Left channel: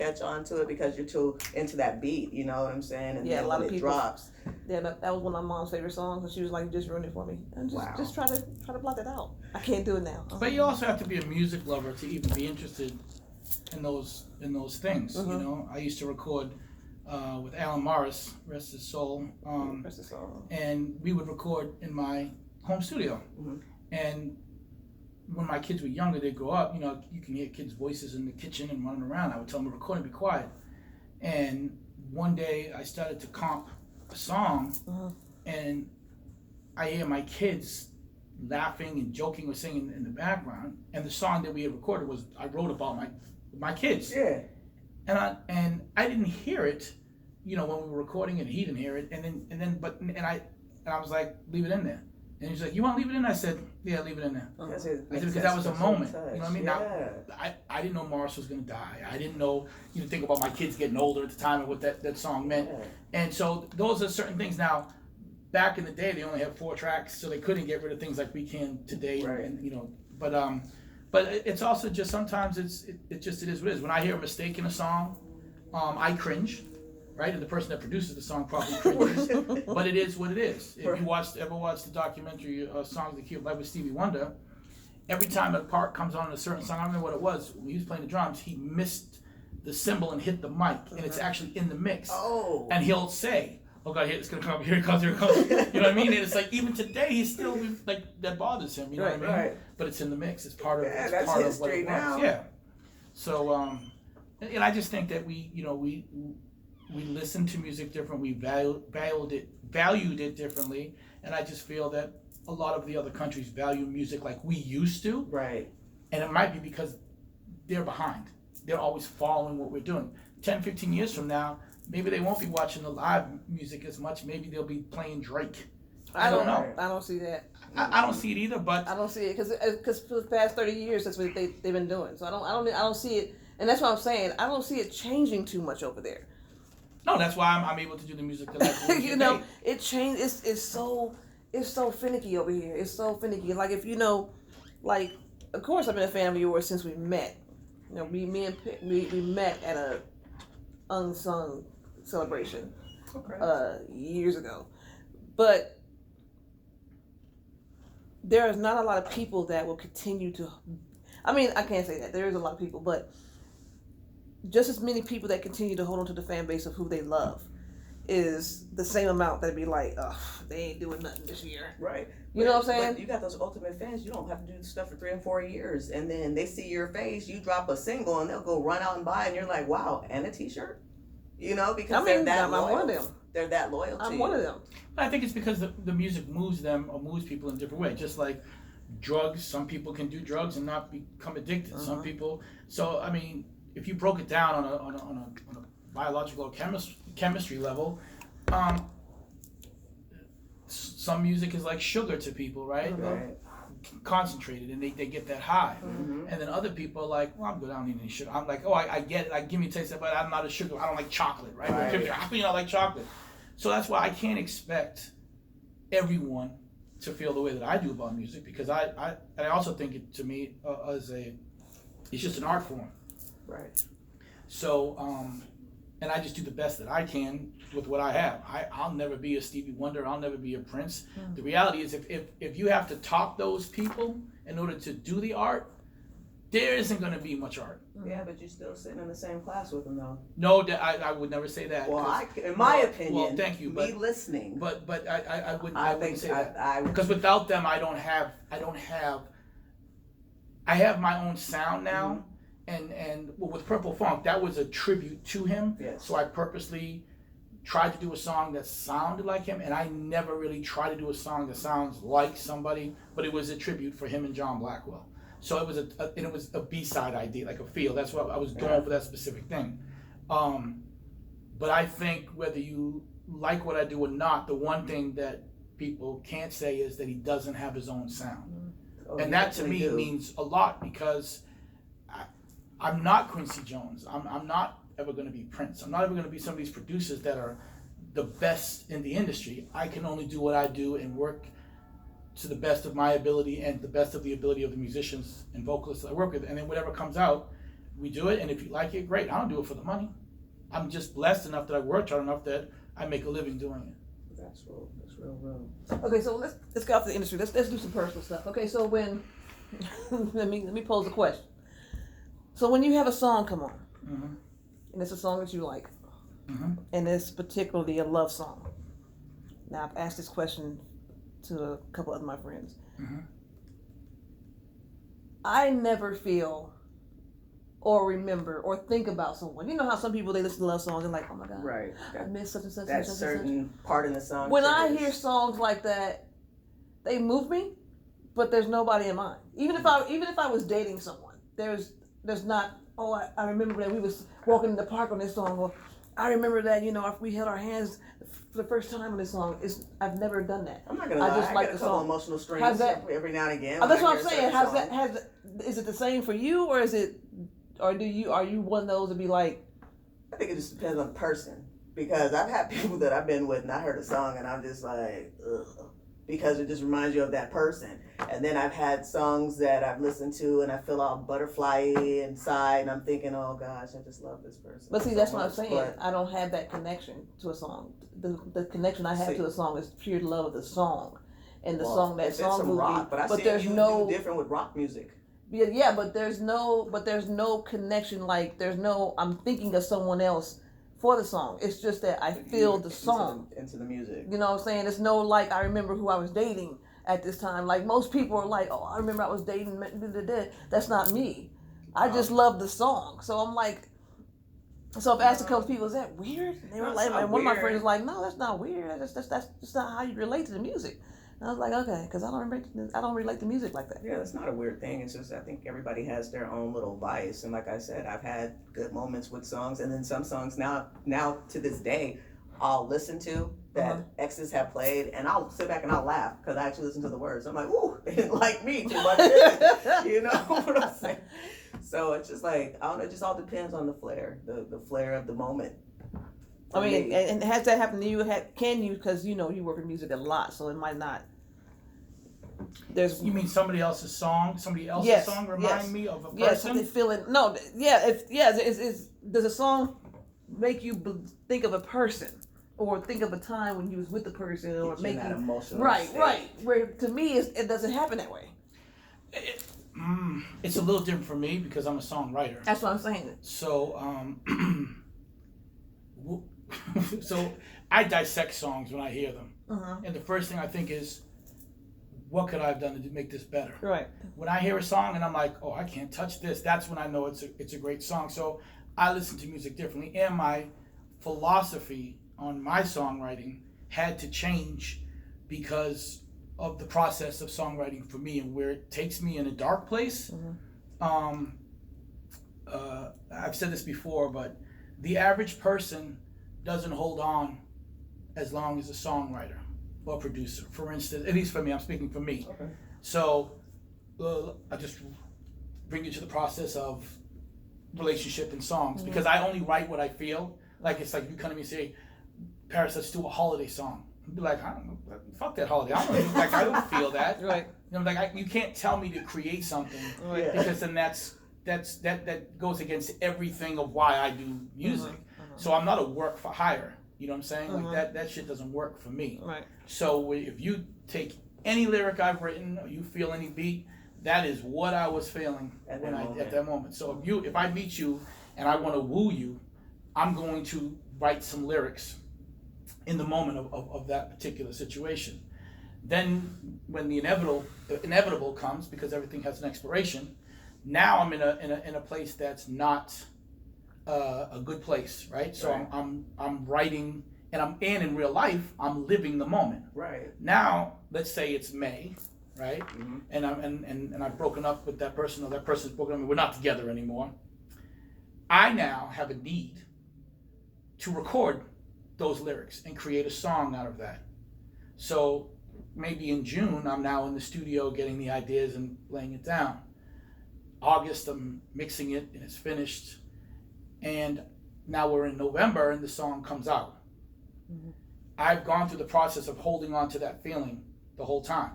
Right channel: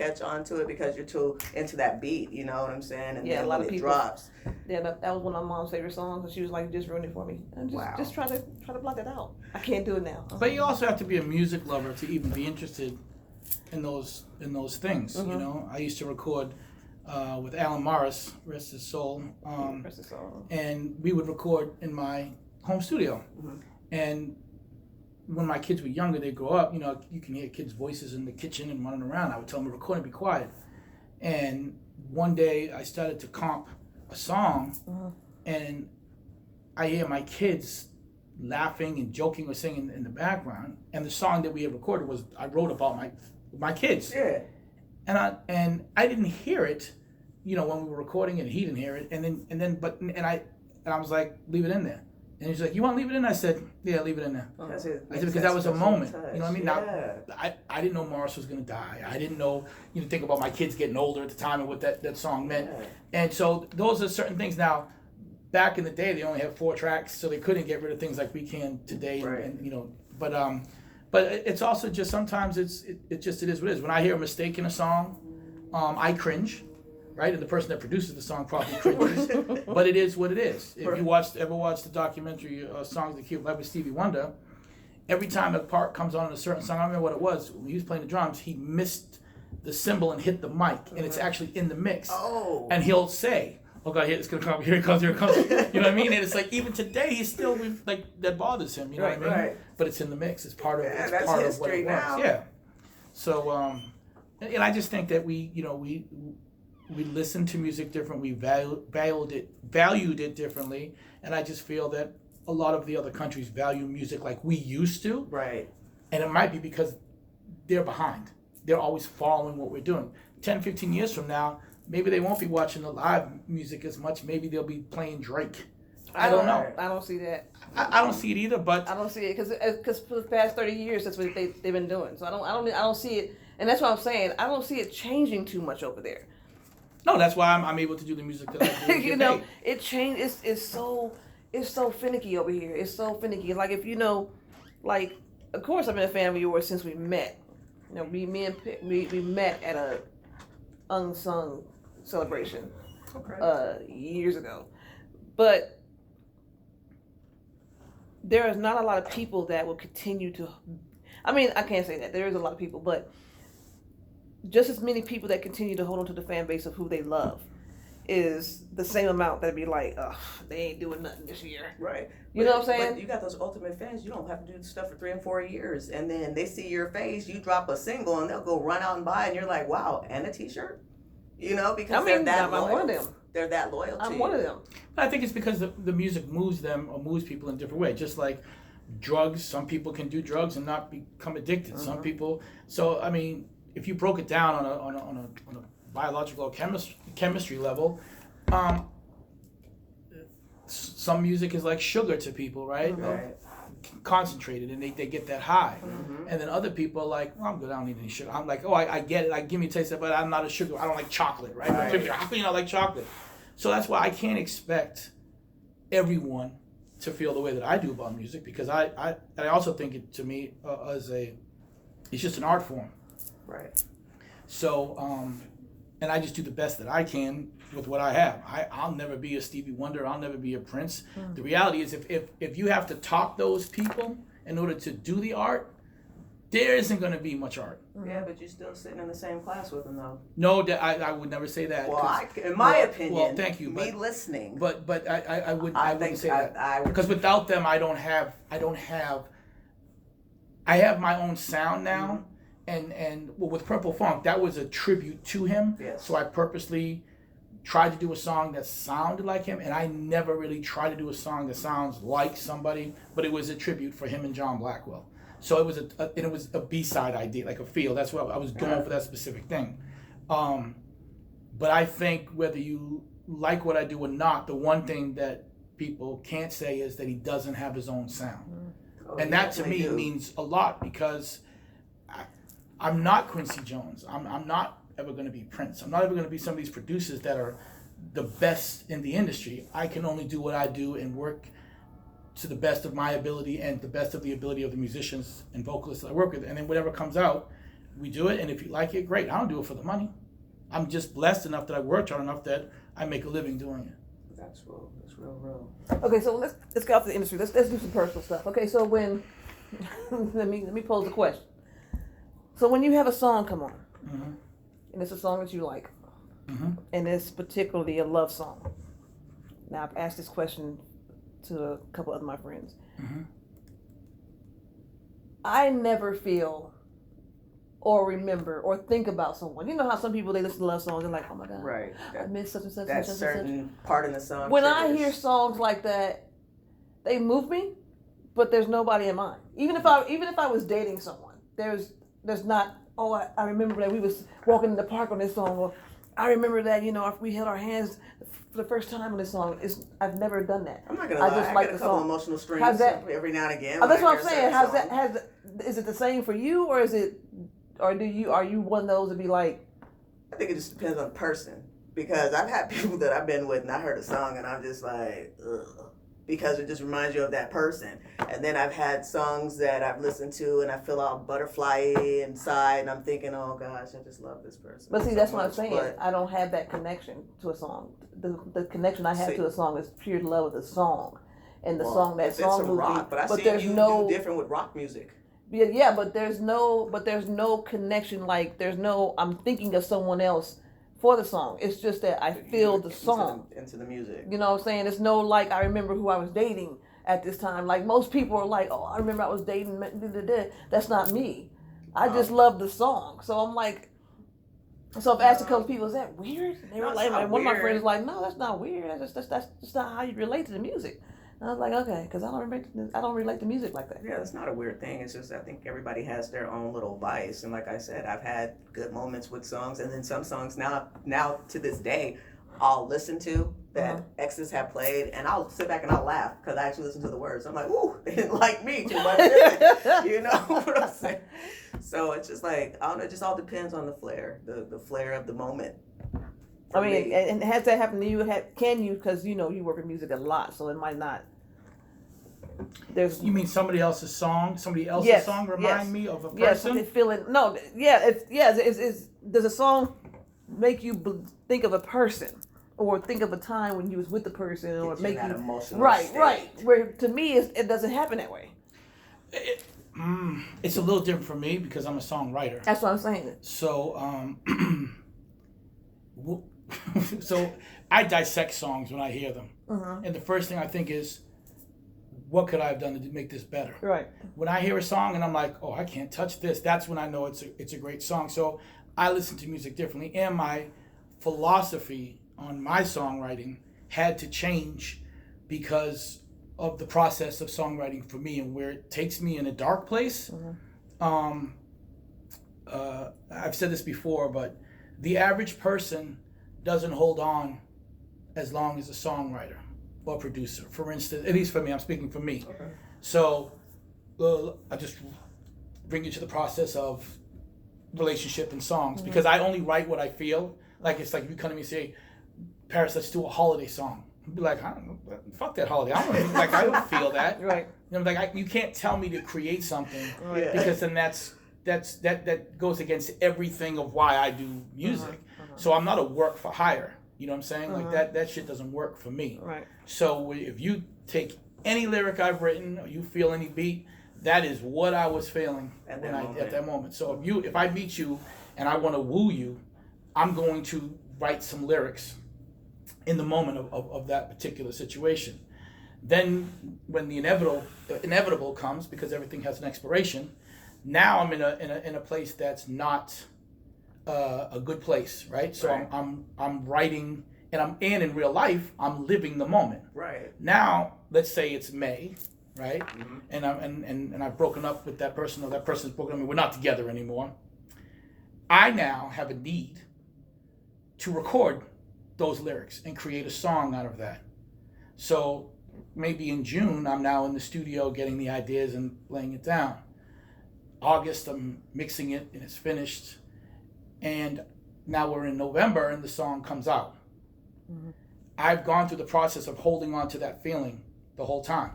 catch on to it because you're too into that beat, you know what I'm saying? And Yeah, a then lot when of it people. drops. Yeah, that was one of my mom's favorite songs, and she was like, "Just ruined it for me." And Wow. just try to block it out. I can't do it now. But you also have to be a music lover to even be interested in those things. You know, I used to record with Alan Morris, rest his soul, Rest his soul. and we would record in my home studio. And when my kids were younger, they grow up. You know, you can hear kids' voices in the kitchen and running around. I would tell them to record and be quiet. And one day I started to comp a song, and I hear my kids laughing and joking or singing in the background. And the song that we had recorded was I wrote about my kids. Yeah. And I didn't hear it, you know, when we were recording it. He didn't hear it. And I was like, leave it in there. And he's like, you want to leave it in there? I said, yeah, leave it in there. I said, because that was a moment. You know what I mean? Yeah. Now, I didn't know Morris was going to die. I didn't know, you know, think about my kids getting older at the time and what that song meant. Yeah. And so those are certain things. Now, back in the day, they only had 4 tracks, so they couldn't get rid of things like we can today. Right. And you know, but it's also just sometimes it is what it is. When I hear a mistake in a song, I cringe. Right, and the person that produces the song probably cringes, but it is what it is. If you ever watched the documentary "Songs That Keep Life" with Stevie Wonder, every time a part comes on a certain song, I don't remember what it was. When he was playing the drums, he missed the cymbal and hit the mic, and it's actually in the mix. Oh. And he'll say, "Oh God, it's gonna come! Here it comes! Here it comes!" You know what I mean? And it's like even today, he's still like that bothers him. You know what I mean? Right. But it's in the mix. It's part of. Yeah, it's that's part history of what it now. was. Yeah. So and I just think that we listened to music different. We valued it differently, and I just feel that a lot of the other countries value music like we used to. Right. And it might be because they're behind. They're always following what we're doing. 10, 15 years from now, maybe they won't be watching the live music as much. Maybe they'll be playing Drake. I don't know. I don't see that. I don't see it either. But I don't see it because for the past 30 years, that's what they've been doing. So I don't see it, and that's what I'm saying. I don't see it changing too much over there. no, that's why I'm able to do the music that I do. You know, it changed. It's so finicky over here. It's so finicky. Like if you know, like of course I've been a fan of yours since we met. You know, we met at a unsung celebration years ago, but there is not a lot of people that will continue to. I mean, I can't say that there is a lot of people, but just as many people that continue to hold on to the fan base of who they love is the same amount that'd be like, oh, they ain't doing nothing this year. Right. You know what I'm saying? But you got those ultimate fans. You don't have to do stuff for 3 and 4 years, and then they see your face. You drop a single, and they'll go run out and buy, and you're like, wow, and a T-shirt. You know, because they're that loyal. I'm one of them. They're that loyal. I'm one of them. I think it's because the music moves them or moves people in a different way. Just like drugs, some people can do drugs and not become addicted. Some people. So I mean, if you broke it down on a biological chemistry level, some music is like sugar to people, right? Right. Concentrated, and they get that high. And then other people are like, well, I'm good, I don't need any sugar. I'm like, oh, I get it, like give me a taste of it, but I'm not a sugar, I don't like chocolate, right? How can you not like chocolate? So that's why I can't expect everyone to feel the way that I do about music, because I also think it, to me, it's just an art form. Right. So, and I just do the best that I can with what I have. I'll never be a Stevie Wonder. I'll never be a Prince. The reality is, if you have to top those people in order to do the art, there isn't going to be much art. Yeah, but you're still sitting in the same class with them, though. No, I would never say that. Well, in my opinion, well, thank you. Me listening. But I wouldn't say that. Would, because without them, I have my own sound now. And with Purple Funk, that was a tribute to him. Yes. So I purposely tried to do a song that sounded like him, and I never really tried to do a song that sounds like somebody, but it was a tribute for him and John Blackwell. So it was a B-side idea, like a feel. That's what I was going for, that specific thing. But I think whether you like what I do or not, the one thing that people can't say is that he doesn't have his own sound. And that to me means a lot, because I'm not Quincy Jones. I'm not ever going to be Prince. I'm not ever going to be some of these producers that are the best in the industry. I can only do what I do and work to the best of my ability and the best of the ability of the musicians and vocalists that I work with. And then whatever comes out, we do it, and if you like it, great. I don't do it for the money. I'm just blessed enough that I worked hard enough that I make a living doing it. That's real. Okay, so let's get off the industry. Let's do some personal stuff. Okay, so when let me pose a question. So when you have a song come on, Mm-hmm. and it's a song that you like, Mm-hmm. and it's particularly a love song. Now I've asked this question to a couple of my friends. Mm-hmm. I never feel or remember or think about someone. You know how some people, they listen to love songs and like, oh my God, Right. I miss such and such and That such and certain part in the song. such. When I triggers. hear songs like that, they move me, but there's nobody in mind. Even if I was dating someone, there's not, oh, I remember that we was walking in the park on this song, or I remember that, if we held our hands for the first time on this song. I've never done that. I'm not gonna I lie. just I like get a the couple song. emotional strings How's that? every now and again. Oh, that's when I what I'm hear a saying. certain song. Is it the same for you, or are you one of those to be like? I think it just depends on the person, because I've had people that I've been with and I heard a song and I'm just like, ugh, because it just reminds you of that person. And then I've had songs that I've listened to and I feel all butterfly inside and I'm thinking, oh gosh, I just love this person. But see, so that's what I'm much. saying. But I don't have that connection to a song. The connection I have See. to a song is pure love of the song, and the well, song that it's song some moved rock, me. but I see there's you no do different with rock music. yeah, but there's no connection. Like there's no, I'm thinking of someone else for the song. It's just that I feel the song. Into the music. You know what I'm saying? It's no like I remember who I was dating at this time. Like most people are like, oh, I remember I was dating. That's not me. I just love the song. So I'm like, so I've asked a couple people, is that weird? And they were No, like, it's not one of my weird. friends was like, no, that's not weird. That's just not how you relate to the music. And I was like, okay, because I don't relate to music like that. Yeah, it's not a weird thing. It's just I think everybody has their own little vice, and like I said, I've had good moments with songs, and then some songs now to this day, I'll listen to that exes have played, and I'll sit back and I'll laugh because I actually listen to the words. I'm like, ooh, they didn't like me too much, did they? You know what I'm saying? So it's just like I don't know. It just all depends on the flair, the flair of the moment. I mean, and has that happened to you? Can you? Because you work in music a lot, so it might not. You mean somebody else's song? Somebody else's Yes, song remind yes. me of a person? Yes, something feeling. No, yeah, does a song make you think of a person, or think of a time when you was with the person, or make you emotional right, state. right? Where to me, it doesn't happen that way. It's a little different for me because I'm a songwriter. That's what I'm saying. So, so I dissect songs when I hear them, and the first thing I think is, what could I have done to make this better? Right. When I hear a song and I'm like, oh, I can't touch this, that's when I know it's a great song. So I listen to music differently, and my philosophy on my songwriting had to change because of the process of songwriting for me and where it takes me in a dark place. I've said this before, but the average person doesn't hold on as long as a songwriter or producer. For instance, at least for me, I'm speaking for me. Okay. So I just bring you to the process of relationship and songs because I only write what I feel. Like it's like you come to me and say, Paris, let's do a holiday song. I'd be like, I don't know, fuck that holiday. I don't know, like I don't feel that. Right. You can't tell me to create something Right. because then that goes against everything of why I do music. So I'm not a work for hire. You know what I'm saying? Like that shit doesn't work for me. Right. So if you take any lyric I've written or you feel any beat, that is what I was feeling at that moment. So if I meet you and I want to woo you, I'm going to write some lyrics in the moment of that particular situation. Then when the inevitable comes, because everything has an expiration, now I'm in a place that's not a good place, right? So Right. I'm writing, and in real life I'm living the moment. Right. Now let's say it's May, right? And I've broken up with that person, or that person's broken up with me. We're not together anymore. I now have a need to record those lyrics and create a song out of that. So maybe in June I'm now in the studio getting the ideas and laying it down. August I'm mixing it and it's finished. And now we're in November and the song comes out. I've gone through the process of holding on to that feeling the whole time.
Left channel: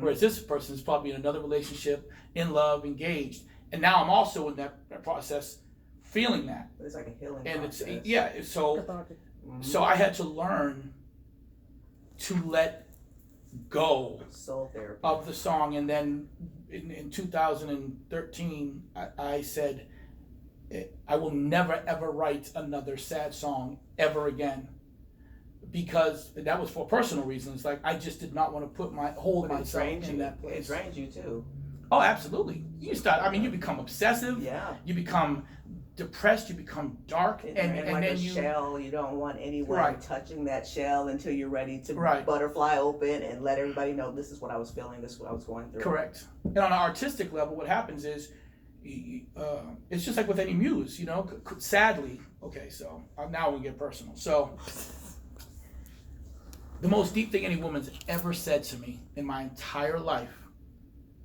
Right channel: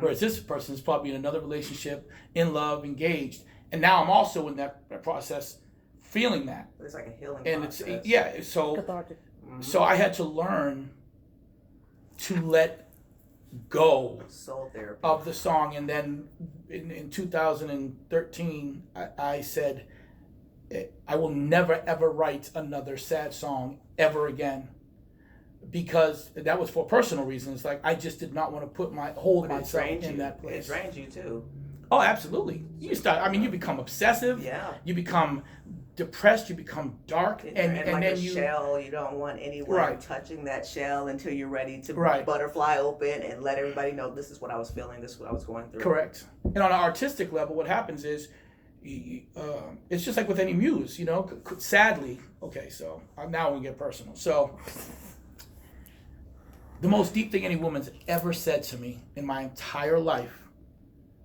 Whereas this person is probably in another relationship, in love, engaged. And now I'm also in that process, feeling that. It's like a healing And process. it's, yeah, so, Cathartic. so I had to learn to let go Soul therapy. of the song. And then in 2013, I said, I will never ever write another sad song ever again, because that was for personal reasons. Like, I just did not want to hold myself in that place. It drains you too. Oh, absolutely. You become obsessive. Yeah. You become depressed. You become dark, and like then a shell. You don't want anyone Right. touching that shell until you're ready to Right. butterfly open and let everybody know this is what I was feeling. This is what I was going through. Correct. And on an artistic level, what happens is, it's just like with any muse, you know. Sadly, okay. So now we get personal. So the most deep thing any woman's ever said to me in my entire life,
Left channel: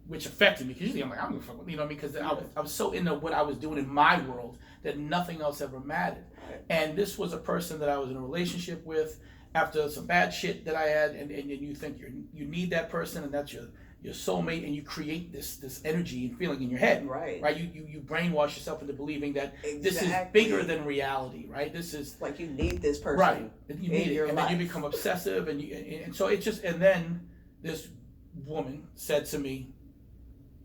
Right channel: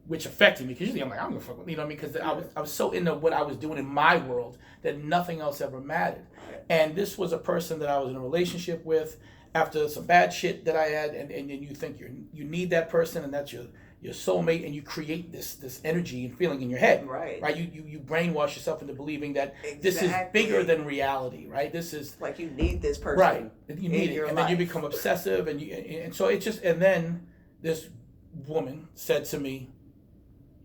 which affected me, because usually I'm like, I'm gonna fuck with, you know what I mean? Because I was so into what I was doing in my world that nothing else ever mattered. And this was a person that I was in a relationship with after some bad shit that I had, and you think you need that person, and that's your soulmate, and you create this energy and feeling in your head. Right. You brainwash yourself into believing that Exactly. this is bigger than reality, right? This is Like you need this person. right. You need it, and life. then you become obsessive, and so it's just. And then this woman said to me,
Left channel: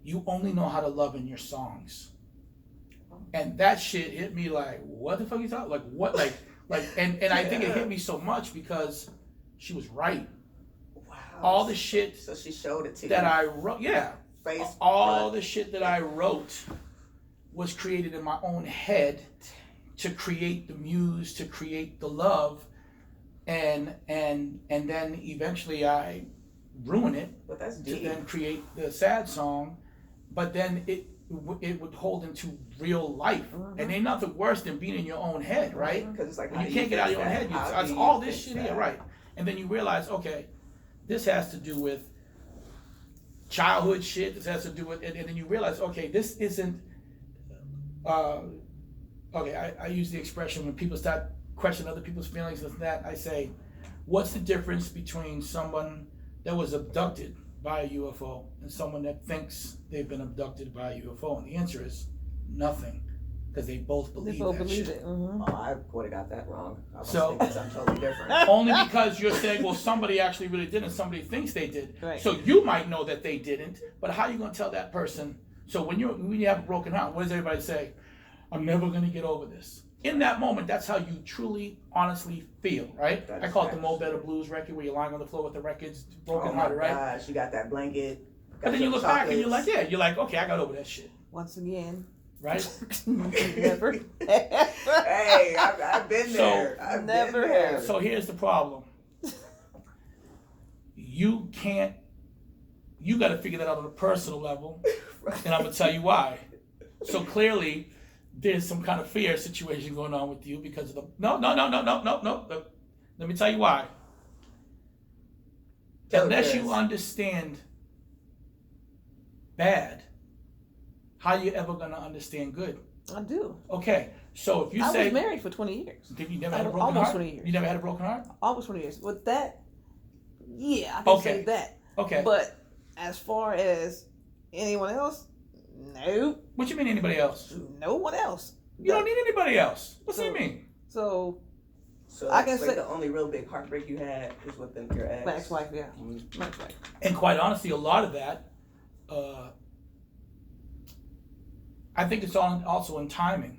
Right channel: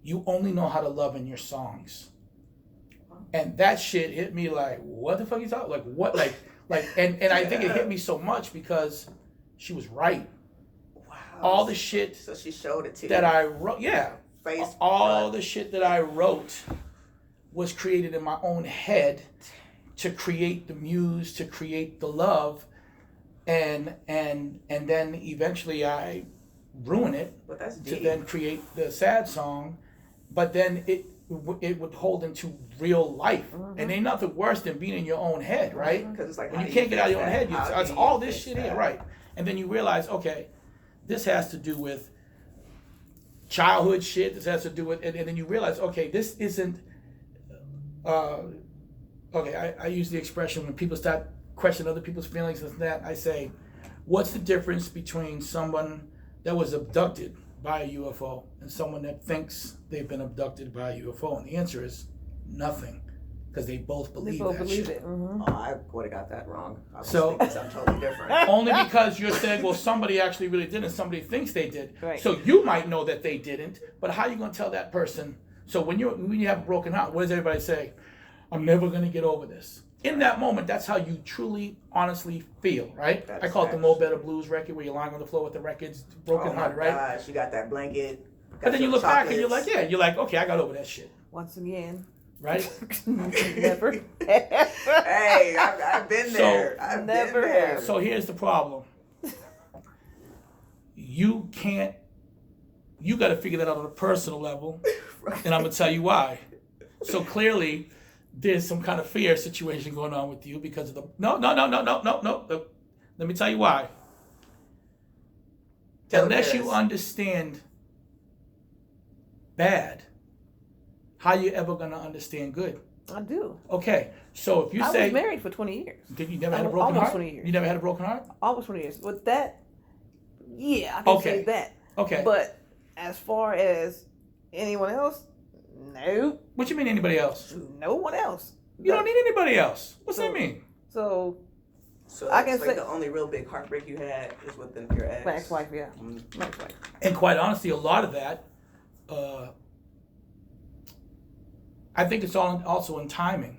"You only know how to love in your songs," and that shit hit me like, "What the fuck are you talking? Like what? Like and I think it hit me so much because she was right. Wow. All the shit So she showed it to that you. I wrote, yeah, Face all front. the shit that I wrote was created in my own head to create the muse, to create the love, and then eventually I ruin it But that's to deep. then create the sad song, but then it would hold into real life, and ain't nothing worse than being in your own head, right? Because it's like, When how you do can't get out of fix your own that? head, How it's do all you this fix shit here, that? right? And then you realize, okay, this has to do with childhood shit. This has to do with, and then you realize, okay, this isn't. Okay, I use the expression when people start questioning other people's feelings and that. I say, what's the difference between someone that was abducted by a UFO and someone that thinks they've been abducted by a UFO? And the answer is nothing, because they both believe that shit. it. Oh, I would have got that wrong. I was So- thinking something totally different. Only because you're saying, well, somebody actually really did and somebody thinks they did. Right. So you might know that they didn't, but how are you going to tell that person? So when you have a broken heart, what does everybody say? I'm never going to get over this. In that moment, that's how you truly, honestly feel, right? That's I call it the facts. Mo Better Blues record, where you're lying on the floor with the records broken Oh my hearted, right? gosh, you got that blanket. But got then you your look back and you're chocolates. like, yeah, you're like, okay, I got over that shit, Once again, right? never. Hey, I've been So- there. I've Never been there. have. So here's the problem. You got to figure that out on a personal level, and I'm going to tell you why. So clearly, there's some kind of fear situation going on with you because of the... No. Let me tell you why. Tell Unless us. you understand bad, how you ever going to understand good? I do. Okay, so if you I say... was married for 20 years. Did you never had a broken Almost heart? 20 years. You never had a broken heart? Almost 20 years. With that, yeah, I can Okay. say that. Okay. But as far as anyone else, no, What you mean anybody else? no one else. You don't need anybody else. What's that So- mean? So So I can that's like say- the only real big heartbreak you had is with your ex. my ex-wife, yeah, Mm. my ex-wife. And quite honestly, a lot of that, I think it's all also in timing,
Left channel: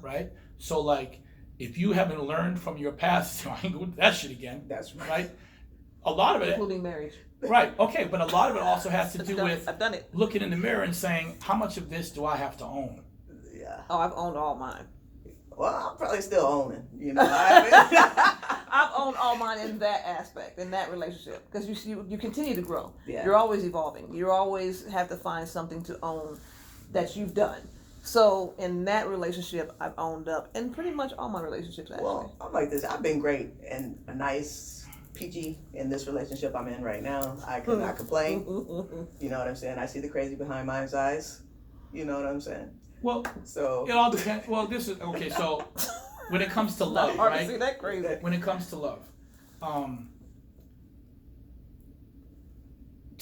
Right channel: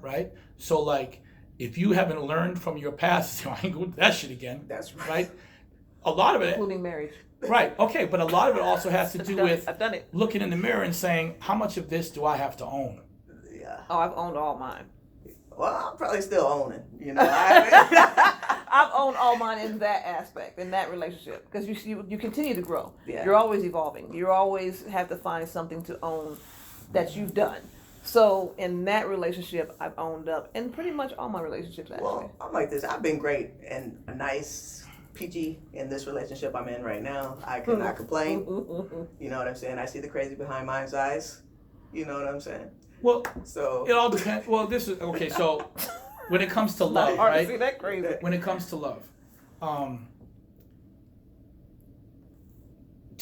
right? So like, if you haven't learned from your past, I ain't going to do that shit again, That's right. right? A lot of it, Including marriage. right? Okay, but a lot of it also has to do with I've done it. looking in the mirror and saying, how much of this do I have to own? Yeah. Oh, I've owned all mine. Well, I'm probably still owning. You know. I I've owned all mine in that aspect, in that relationship, because you continue to grow. Yeah. You're always evolving. You always have to find something to own that you've done. So in that relationship, I've owned up, and pretty much all my relationships actually. Well, I'm like this. I've been great and a nice, peachy in this relationship I'm in right now. I cannot complain. You know what I'm saying? I see the crazy behind my eyes. You know what I'm saying? Well, So it all depends. Well, this is, okay, so when it comes to Not love, hard to right? see that crazy. When it comes to love,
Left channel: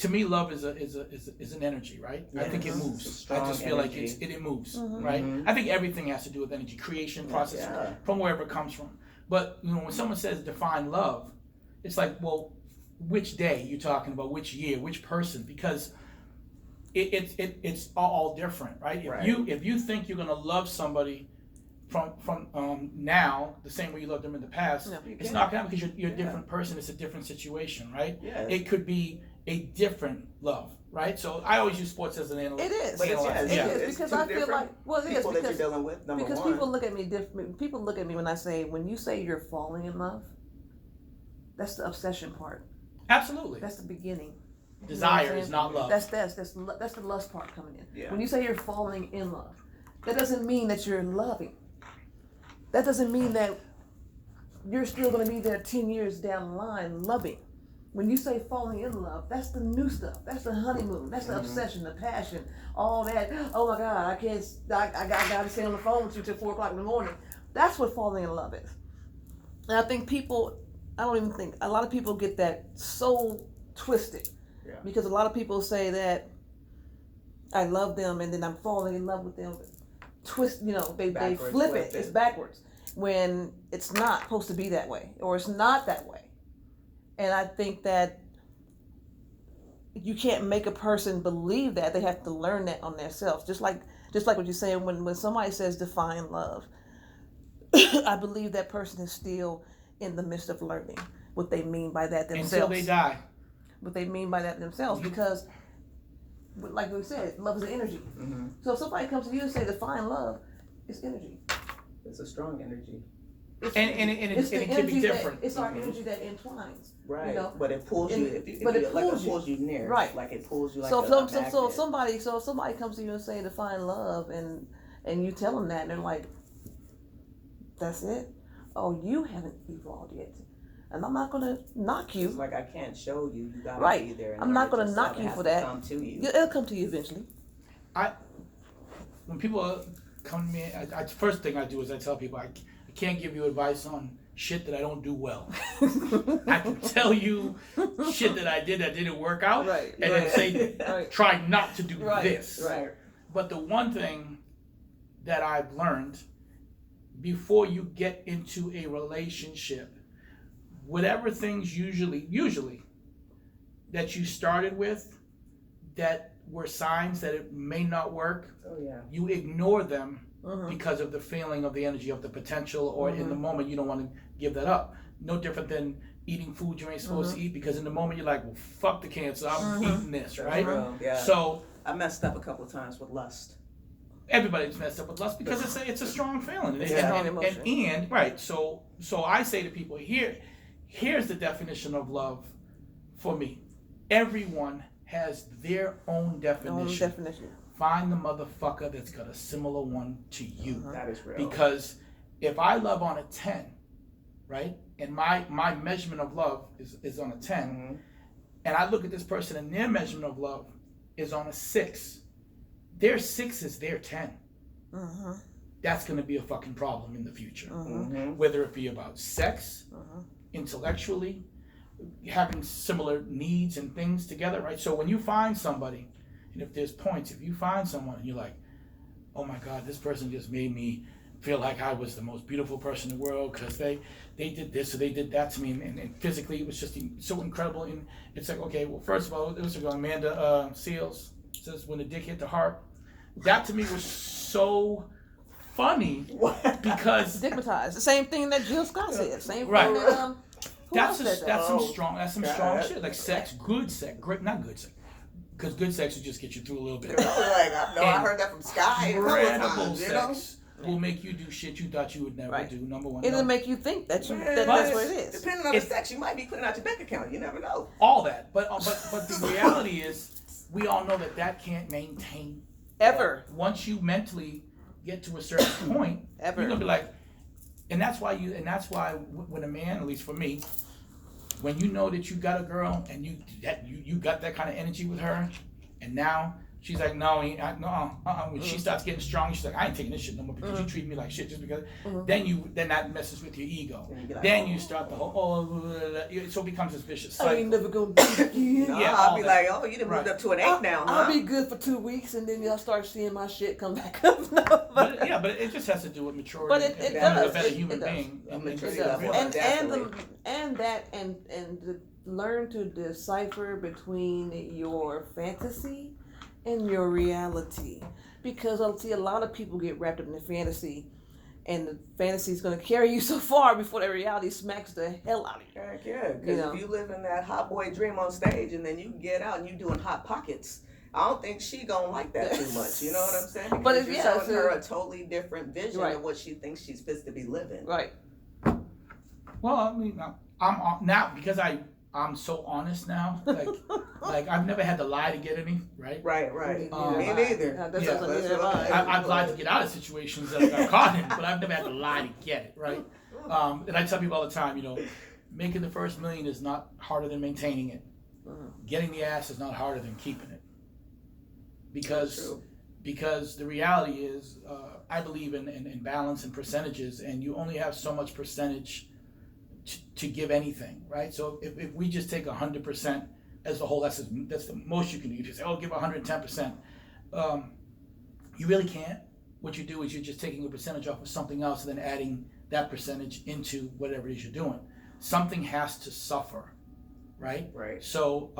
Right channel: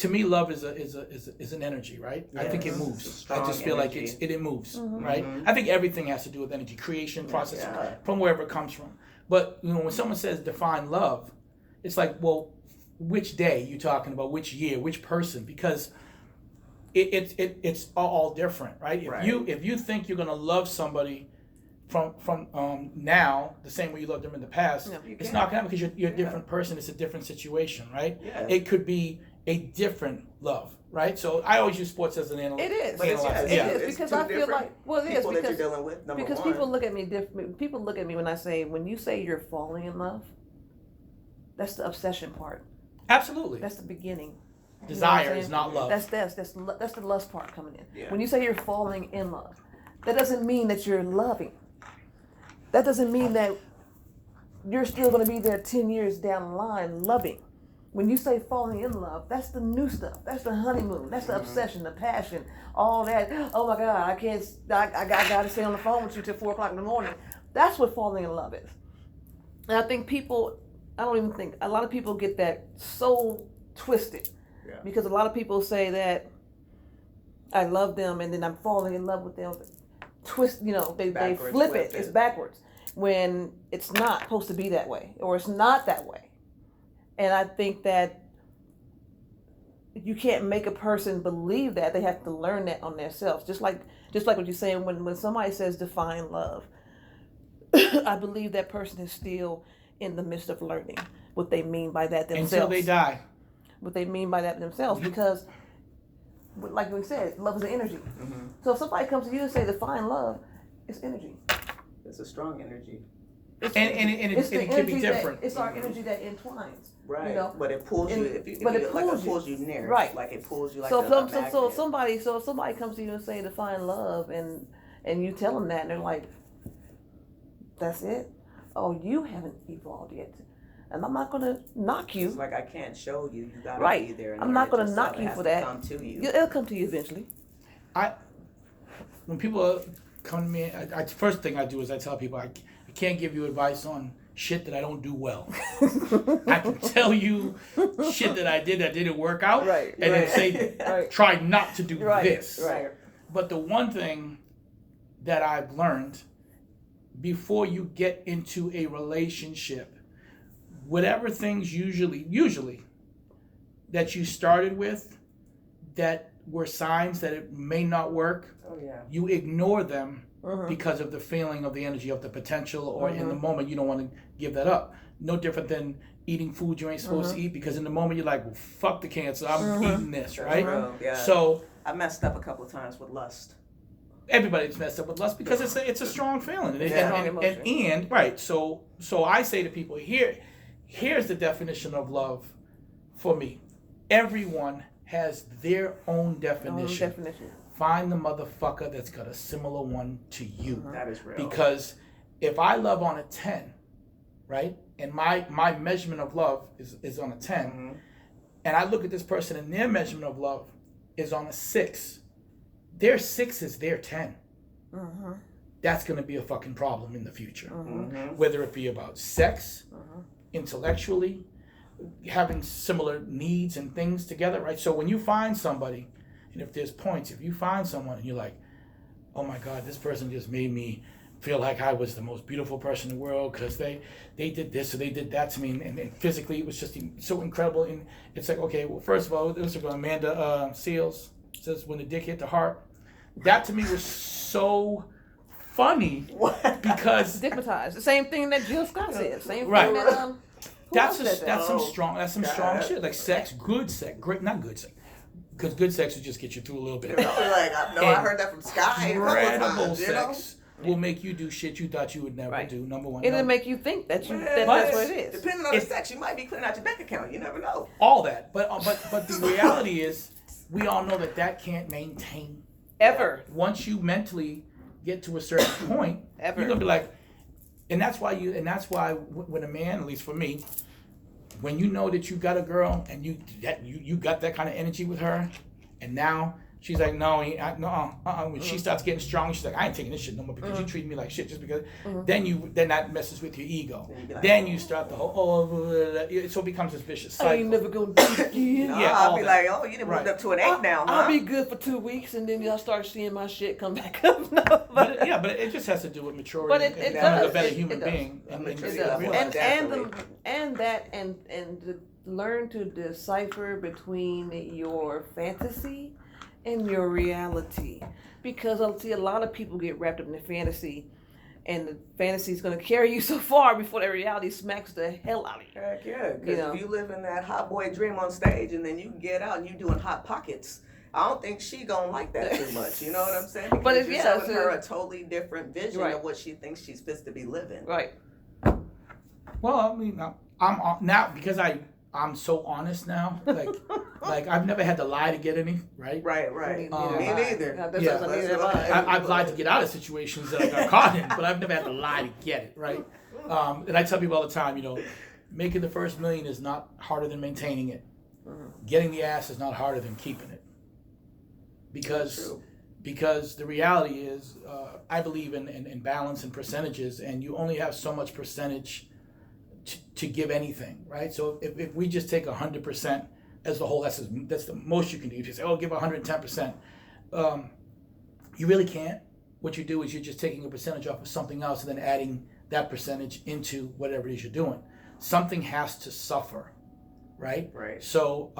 to me, love is an energy, right? I think it moves. I just feel like it moves, right? I think everything has to do with energy, creation, process, from wherever it comes from. But when someone says define love, it's like, well, which day you talking about? Which year? Which person? Because it's all different, right? If you think you're gonna love somebody from now the same way you loved them in the past, it's not gonna happen because you're a different person. It's a different situation, right? Yeah. It could be a different love, right? So I always use sports as an analysis. It is. It is because I feel like it is because you're dealing with, because one. people look at me different. People look at me when you say you're falling in love. That's the obsession part. Absolutely. That's the beginning. Desire is not love. That's the lust part coming in. Yeah. When you say you're falling in love, that doesn't mean that you're loving. That doesn't mean that you're still going to be there 10 years down the line loving. When you say falling in love, that's the new stuff. That's the honeymoon. That's the obsession, the passion, all that. Oh my God, I got to stay on the phone with you till 4 o'clock in the morning. That's what falling in love is. And I think a lot of people get that so twisted. Yeah. Because a lot of people say that I love them and then I'm falling in love with them. They flip it. It's backwards when it's not supposed to be that way, or it's not that way. And I think that you can't make a person believe that. They have to learn that on themselves. Just like what you're saying, when somebody says define love, I believe that person is still in the midst of learning what they mean by that themselves. Until they die. What they mean by that themselves, because like we said, love is an energy. So if somebody comes to you and say define love, it's energy. It's a strong energy. It can be different. It's our energy that entwines. Right. But it pulls you. It pulls you near. Right. Like it pulls you like so a if somebody comes to you and say define love, and you tell them that, and they're like, that's it? Oh, you haven't evolved yet. And I'm not going to knock you. It's like I can't show you. You got to be there. I'm not going to knock you for that. Come to you. It'll come to you eventually. When people come to me, first thing I do is I tell people I can't give you advice on shit that I don't do well. I can tell you shit that I didn't work out, and then say try not to do this. Right. But the one thing that I've learned before you get into a relationship, whatever things usually that you started with that were signs that it may not work, you ignore them because of the feeling of the energy of the potential, or in the moment you don't want to give that up. No different than eating food you ain't supposed to eat, because in the moment you're like, well, fuck the cancer, I'm eating this, right? Yeah. So I messed up a couple of times with lust. Everybody's messed up with lust because it's a strong feeling. So I say to people, here's the definition of love for me. Everyone has their own definition. Find the motherfucker that's got a similar one to you. That is real. Because if I love on a 10, right, and my measurement of love is on a 10, and I look at this person and their measurement of love is on a 6, their 6 is their 10. That's going to be a fucking problem in the future. Whether it be about sex, intellectually, having similar needs and things together, right? So when you find somebody, and if there's points, if you find someone and you're like, oh my God, this person just made me feel like I was the most beautiful person in the world because they did this or they did that to me, and physically it was just so incredible. And it's like, okay, well, first of all, this is Amanda Seals says, when the dick hit the heart. That to me was so funny because stigmatized. The same thing that Jill Scott said. Same thing that that's some strong shit. Like sex, good sex, not good sex. Because good sex will just get you through a little bit. I heard that from Sky. Incredible sex will make you do shit you thought you would never do. Number one, it'll make you think that that's what it is. Depending on the sex, you might be clearing out your bank account. You never know. All that, but the reality is, we all know that can't maintain ever. Once you mentally get to a certain point, you're gonna be like, and that's why when a man, at least for me, when you know that you got a girl and you got that kind of energy with her, and now She's like, no, When she starts getting strong, she's like, I ain't taking this shit no more because you treat me like shit just because. Then that messes with your ego. Then you start the whole so it becomes this vicious cycle. I ain't never gonna do it again. I'll be like, oh, you done moved up to an 8 now, huh? I'll be good for 2 weeks and then y'all start seeing my shit come back up. But it just has to do with maturity. But it does. A better human being. It does. And to learn to decipher between your fantasy and your reality, because I see a lot of people get wrapped up in the fantasy, and the fantasy is going to carry you so far before the reality smacks the hell out of you. Heck yeah, because if you live in that hot boy dream on stage, and then you get out and you doing hot pockets, I don't think she gonna like that too much. You know what I'm saying? Because But you're showing her a totally different vision of what she thinks she's supposed to be living. Right. Well, I mean, I'm now because I'm so honest now. Like I've never had to lie to get any, right? Right. Me neither. I've lied to get out of situations that I got caught in, but I've never had to lie to get it, right? And I tell people all the time, making the first $1 million is not harder than maintaining it. Getting the ass is not harder than keeping it. Because the reality is, I believe in balance and percentages, and you only have so much percentage to give anything, right? So if we just take 100% as the whole, that's the most you can do. If you say, give 110%, you really can't. What you do is you're just taking a percentage off of something else and then adding that percentage into whatever it is you're doing. Something has to suffer, right? Right. So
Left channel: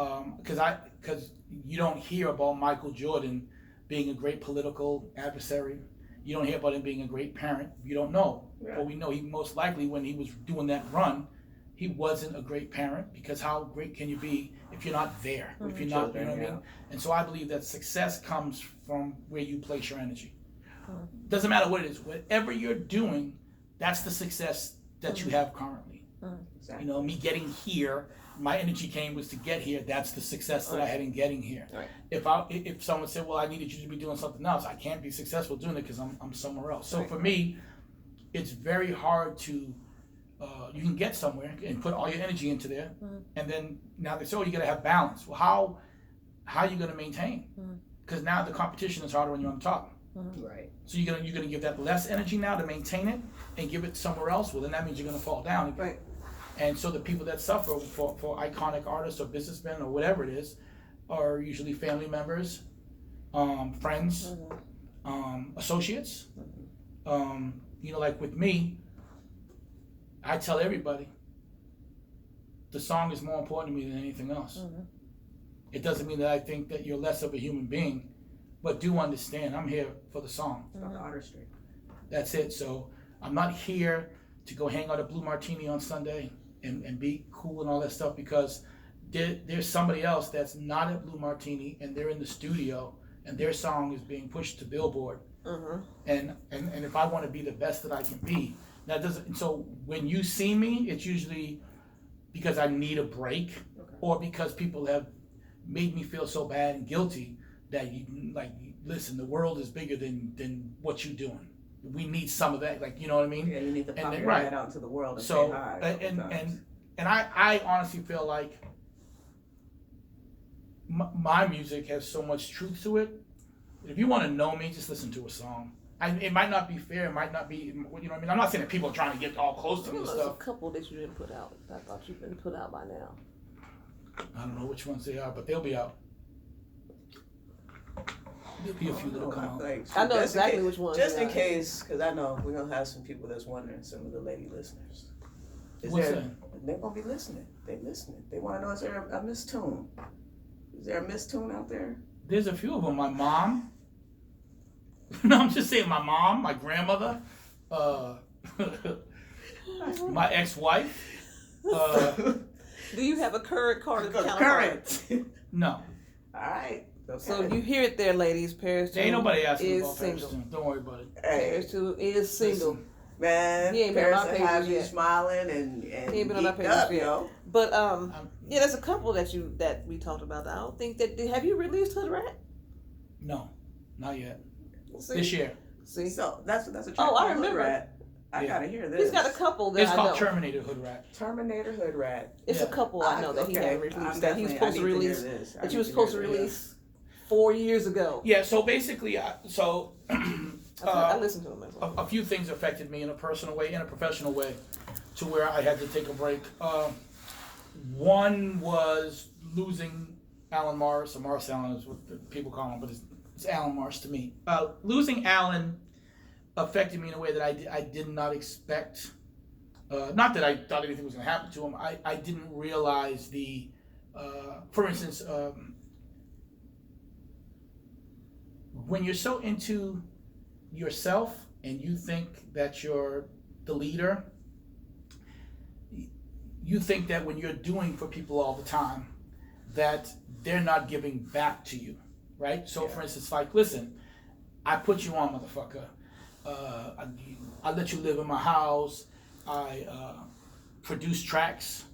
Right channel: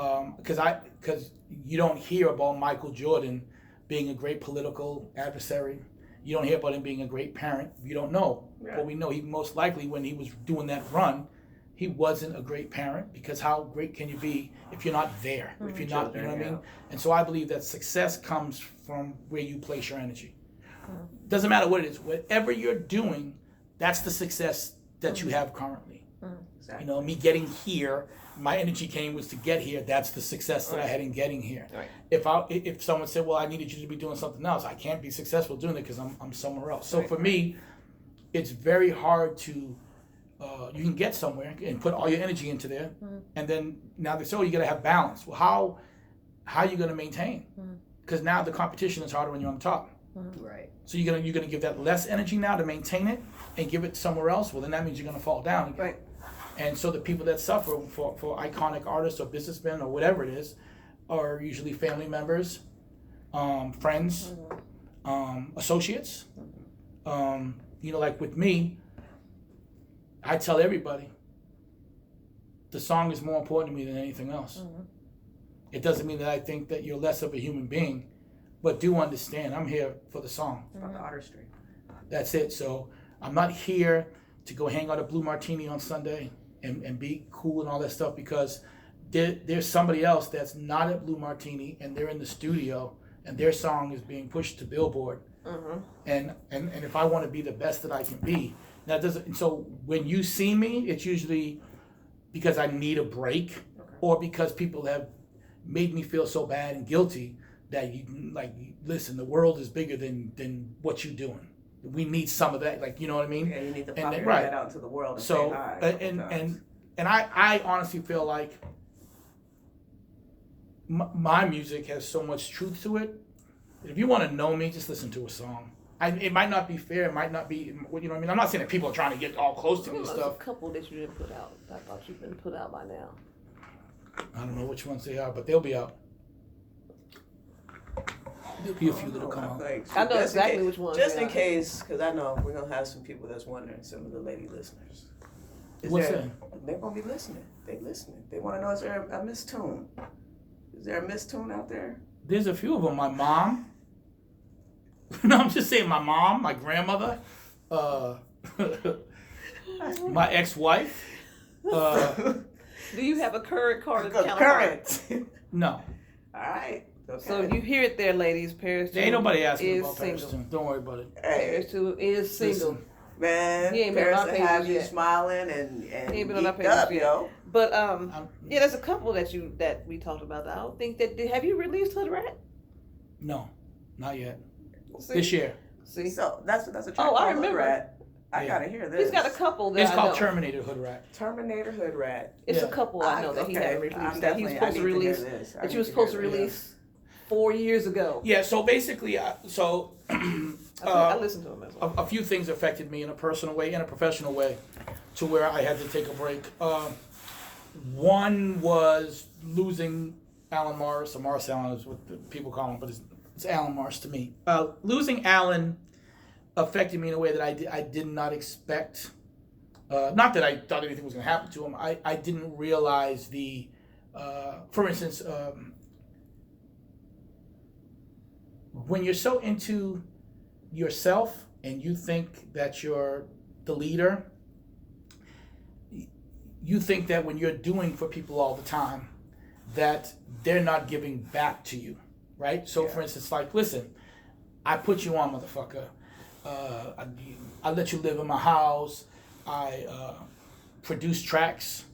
because you don't hear about Michael Jordan being a great political adversary. You don't hear about him being a great parent. You don't know. Yeah. But we know he most likely, when he was doing that run, he wasn't a great parent, because how great can you be if you're not there? If you're not, you know what I mean? And so I believe that success comes from where you place your energy. Doesn't matter what it is. Whatever you're doing, that's the success that you have currently. Exactly. Me getting here, my energy was to get here. That's the success that I had in getting here. Right. If someone said, well, I needed you to be doing something else, I can't be successful doing it because I'm somewhere else. So for me, it's very hard to, you can get somewhere and put all your energy into there. And then now they say, you got to have balance. Well, how are you going to maintain? Because now the competition is harder when you're on top. Right. So you're gonna give that less energy now to maintain it and give it somewhere else. Well, then that means you're gonna fall down. Right. And so the people that suffer for iconic artists or businessmen or whatever it is are usually family members, friends, associates. Like with me, I tell everybody the song is more important to me than anything else. It doesn't mean that I think that you're less of a human being, but do understand I'm here for the song. It's about the artistry. That's it. So I'm not here to go hang out at Blue Martini on Sunday and be cool and all that stuff, because there's somebody else that's not at Blue Martini and they're in the studio and their song is being pushed to Billboard. And if I want to be the best that I can be, that doesn't. So when you see me, it's usually because I need a break, or because people have made me feel so bad and guilty that listen, the world is bigger than what you're doing. We need some of that, you know what I mean? Yeah, you need to pop that out into the world and say hi. And I honestly feel like my music has so much truth to it. If you want to know me, just listen to a song. It might not be fair. It might not be, you know what I mean? I'm not saying that people are trying to get all close to me and stuff. There's a couple that you didn't put out. I thought you'd been put out by now. I don't know which ones they are, but they'll be out. There'll be a few that'll come out. I know exactly which ones. Just in case, because I know we're going to have some people that's wondering, some of the lady listeners. What's that? They're going to be listening. They listening. They want to know, is there a Miss Toon? Is there a Miss Toon out there? There's a few of them. My mom. No, I'm just saying my mom, my grandmother, my ex-wife. Do you have a current counterpart? No. All right. So you hear it there, ladies. Paris Toon ain't nobody asking about single. Paris Toon. Don't worry about it. Paris Toon is single. Listen, man, he ain't been on our pages yet. Smiling and he ain't been on our pages yet. Yo. But yeah, there's a couple that we talked about. I don't think that have you released Hood Rat? No, not yet. See? This year. See, so that's a track. Oh, I remember. I gotta hear this. He's got a couple that it's I called know. Terminator Hood Rat. Terminator Hood Rat. It's a couple I know that he hadn't released. That he was supposed to release. That you were supposed to release 4 years ago. Yeah. So basically, I listened to him as well. a few things affected me in a personal way, in a professional way, to where I had to take a break. One was losing Alan Morris, or Morris Allen is what the people call him, but it's Alan Morris to me. Losing Alan affected me in a way that I did not expect. Not that I thought anything was going to happen to him. I didn't realize for instance, when you're so into yourself and you think that you're the leader, you think that when you're doing for people all the time, that they're not giving back to you, right? So, for instance, like, listen, I put you on, motherfucker. I let you live in my house. I produce tracks.